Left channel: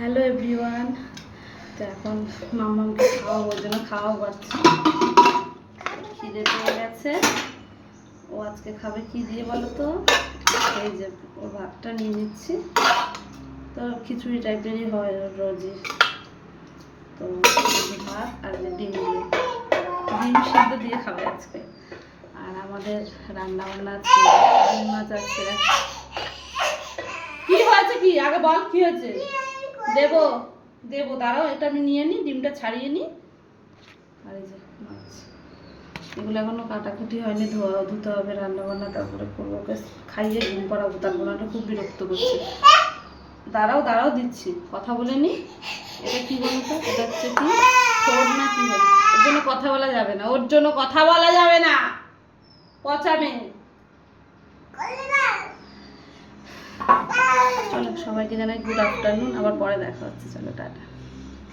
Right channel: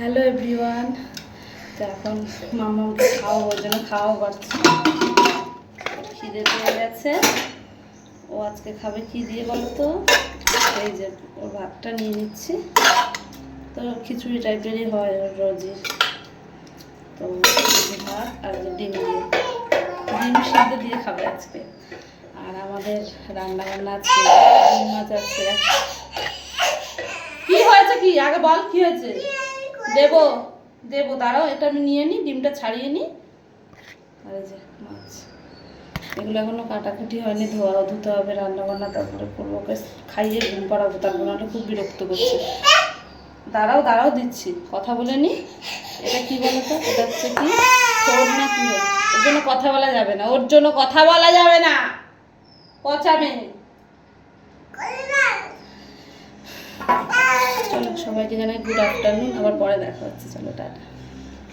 Hello everyone. তো এখন মামাকে খাওয়াবো, ওর জন্য খাওয়াও পাচ্ছি। খিদে পেয়ে গেছে। ও আজকে খাবে কি দিয়ে বলো তো? এই যে ওর ভাতটা নিয়ে নিচ্ছি। তো খিচুড়ি টাইপেরই হয় ওর রোজই। তো ভাত আর ডিম দিয়ে, ডিম সিদ্ধ দিয়ে খাবে আজকে। আর আমাদের রান্না বান্না আছে, ডিম মাছ আছে। কি হয়েছে? কি আগে বল, কি হয়েছে? দেবো দেবো, দাঁড়াও, এটা আমি নিয়ে নিই, ডিমটা ছাড়িয়ে নিই। আর এই যে মাছ, এগুলো এখনো কাটাকুটি হয়নি, ধুতে হবে, রান্না বান্না তারপরে করবো। ওকে খাইয়ে ঘুম পাড়াবো, তারপর নাহলে খুব বিরক্ত করছে। দাঁড়াও দাঁড়াও, দিচ্ছি, কথা বলে নি। এটা কি বলো তো? এটা হচ্ছে কি ফোন না কি বল? ওর জন্য কথা বলা যাবে না, ওর জন্য কথা বলা যাবে না, পচাবে। চলো সবাইকে জানাই গুড আফটারনুন, আবার পরে দেখা হচ্ছে। চলো টাটা।